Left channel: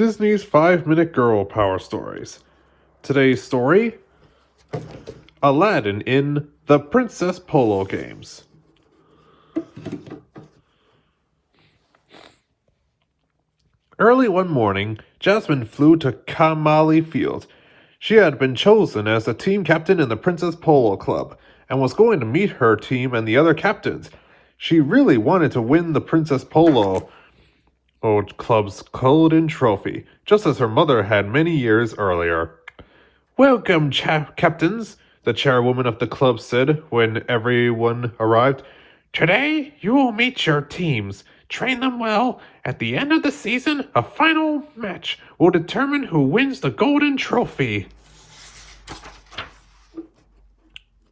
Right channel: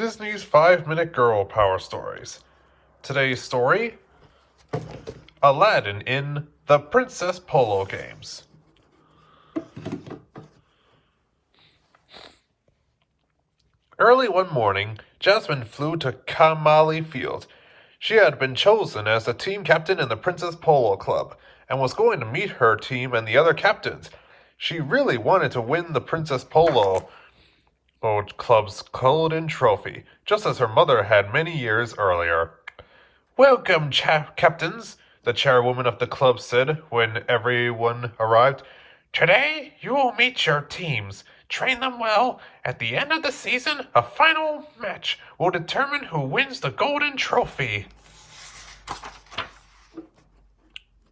Disney's 5-Minute Girl Power Stories. Today's story, Aladdin in the Princess Polo Games. Early one morning, Jasmine flew to Kamali Field. She had been chosen as the team captain in the Princess Polo Club and was going to meet her team and the other captains. She really wanted to win the Princess Polo Club's golden trophy, just as her mother had many years earlier. "Welcome, captains," the chairwoman of the club said when everyone arrived. "Today, you will meet your teams. Train them well. At the end of the season, a final match will determine who wins the golden trophy."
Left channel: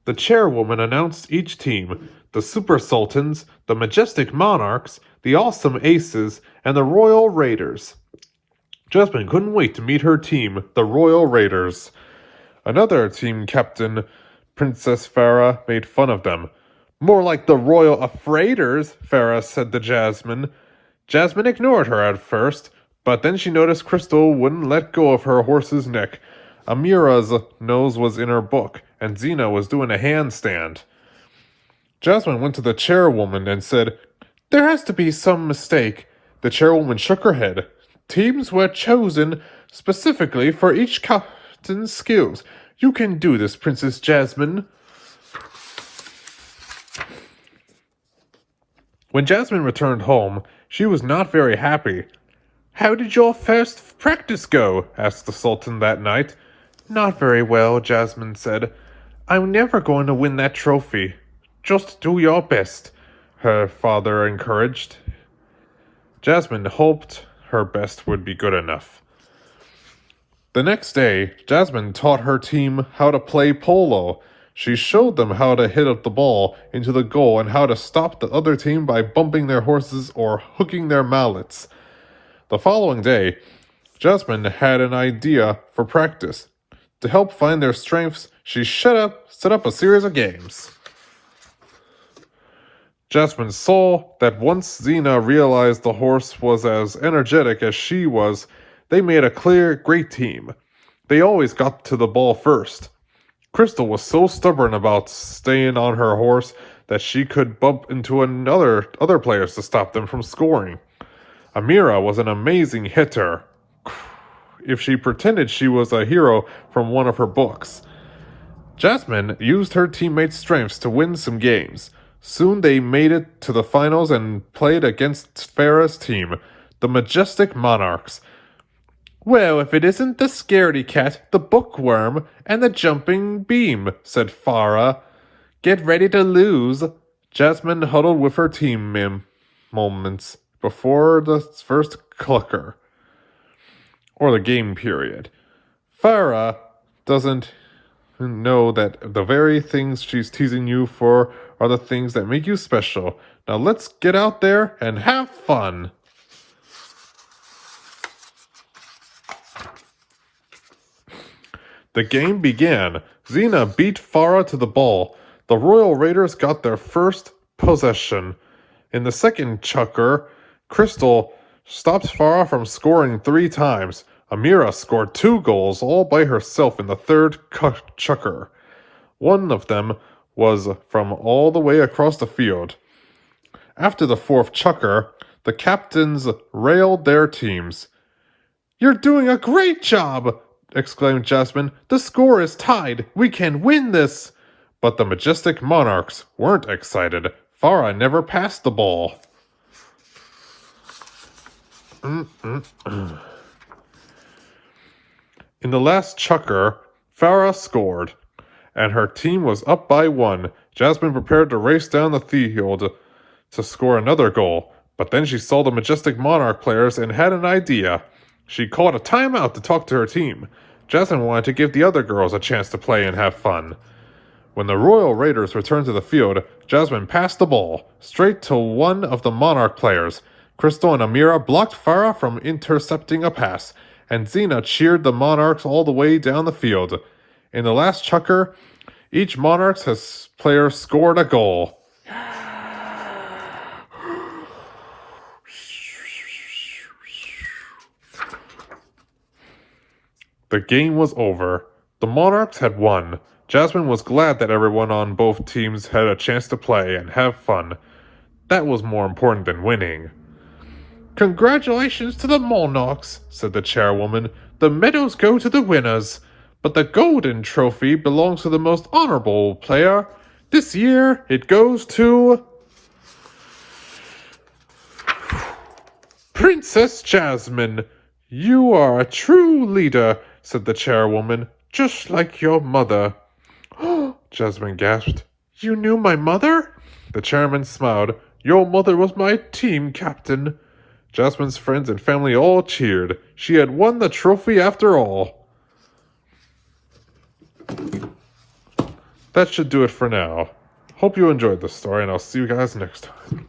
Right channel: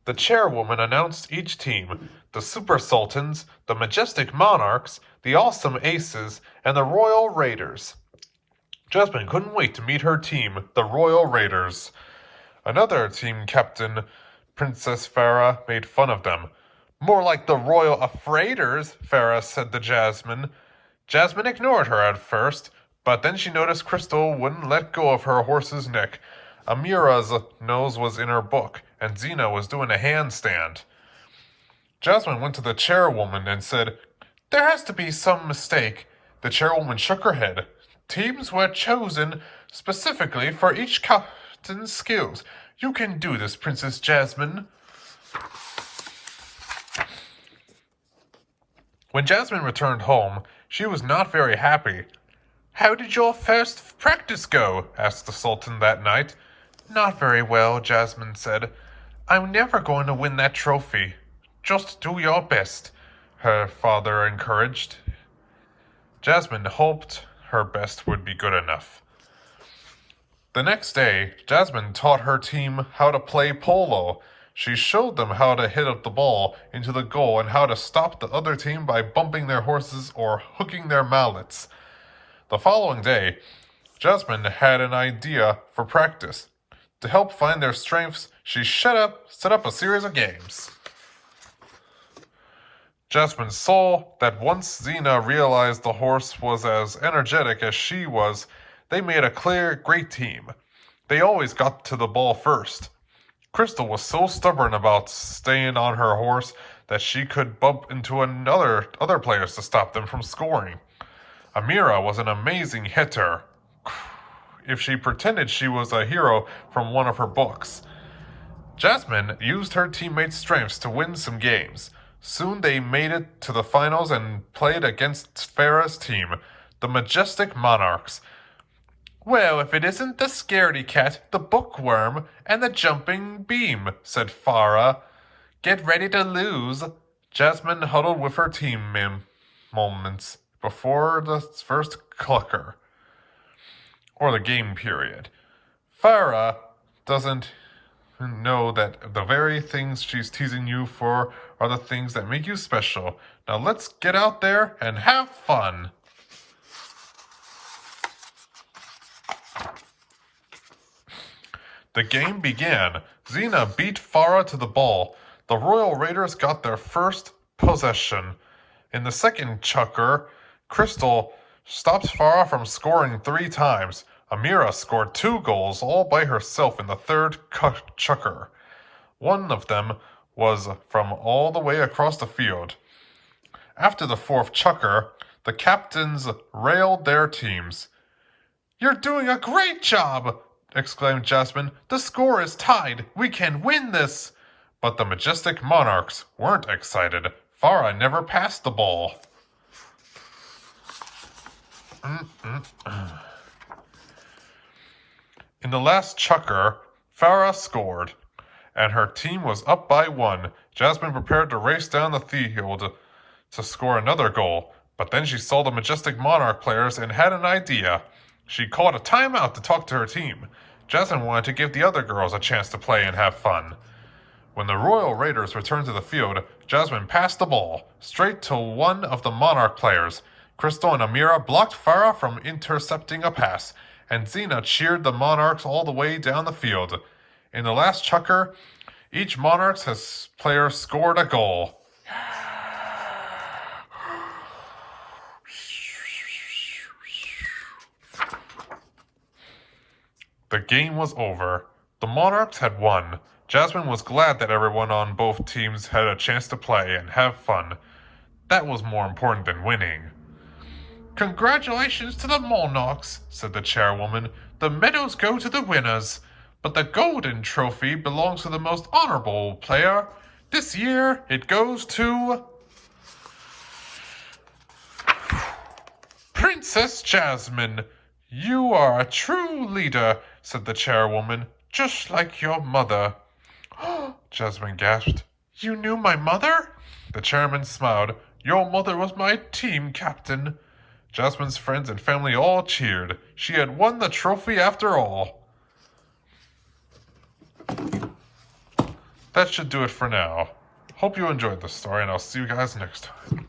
The chairwoman announced each team: the Super Sultans, the Majestic Monarchs, the Awesome Aces, and the Royal Raiders. Jasmine couldn't wait to meet her team, the Royal Raiders. Another team captain, Princess Farah, made fun of them. "More like the Royal Afraiders," Farah said to Jasmine. Jasmine ignored her at first, but then she noticed Crystal wouldn't let go of her horse's neck. Amira's nose was in her book, and Zena was doing a handstand. Jasmine went to the chairwoman and said, "There has to be some mistake." The chairwoman shook her head. "Teams were chosen specifically for each captain's skills. You can do this, Princess Jasmine." When Jasmine returned home, she was not very happy. "How did your first practice go?" asked the Sultan that night. "Not very well," Jasmine said. "I'm never going to win that trophy." "Just do your best," her father encouraged. Jasmine hoped her best would be good enough. The next day, Jasmine taught her team how to play polo. She showed them how to hit up the ball into the goal and how to stop the other team by bumping their horses or hooking their mallets. The following day, Jasmine had an idea for practice. To help find their strengths, she set up a series of games. Jasmine saw that once Zena realized the horse was as energetic as she was, they made a great team. They always got to the ball first. Crystal was so stubborn about staying on her horse that she could bump into other players to stop them from scoring. Amira was an amazing hitter, if she pretended she was a hero from one of her books. Jasmine used her teammates' strengths to win some games. Soon they made it to the finals and played against Farah's team, the Majestic Monarchs. "Well, if it isn't the scaredy cat, the bookworm, and the jumping beam," said Farah. "Get ready to lose." Jasmine huddled with her team moments before the first clucker, or the game period. Farah doesn't know that the very things she's teasing you for are the things that make you special. Now let's get out there and have fun. The game began. Zena beat Farah to the ball. The Royal Raiders got their first possession. In the second chukker, Crystal stopped Farah from scoring 3 times. Amira scored 2 goals all by herself in the third chukker. One of them was from all the way across the field. After the 4th chukker, the captains railed their teams. "You're doing a great job!" exclaimed Jasmine. "The score is tied. We can win this!" But the Majestic Monarchs weren't excited. Farah never passed the ball. In the last chukker, Farah scored, and her team was up by 1. Jasmine prepared to race down the field to score another goal, but then she saw the Majestic Monarch players and had an idea. She called a timeout to talk to her team. Jasmine wanted to give the other girls a chance to play and have fun. When the Royal Raiders returned to the field, Jasmine passed the ball straight to one of the Monarch players. Crystal and Amira blocked Farah from intercepting a pass, and Zena cheered the Monarchs all the way down the field. In the last chukker, each Monarchs player scored a goal. The game was over. The Monarchs had won. Jasmine was glad that everyone on both teams had a chance to play and have fun. That was more important than winning. Congratulations to the Monarchs, said the chairwoman. The medals go to the winners, but the golden trophy belongs to the most honorable player. This year, it goes to Princess Jasmine. You are a true leader, said the chairwoman, just like your mother. Jasmine gasped. You knew my mother? The chairman smiled. Your mother was my team captain. Jasmine's friends and family all cheered. She had won the trophy after all. That should do it for now. Hope you enjoyed the story, and I'll see you guys next time.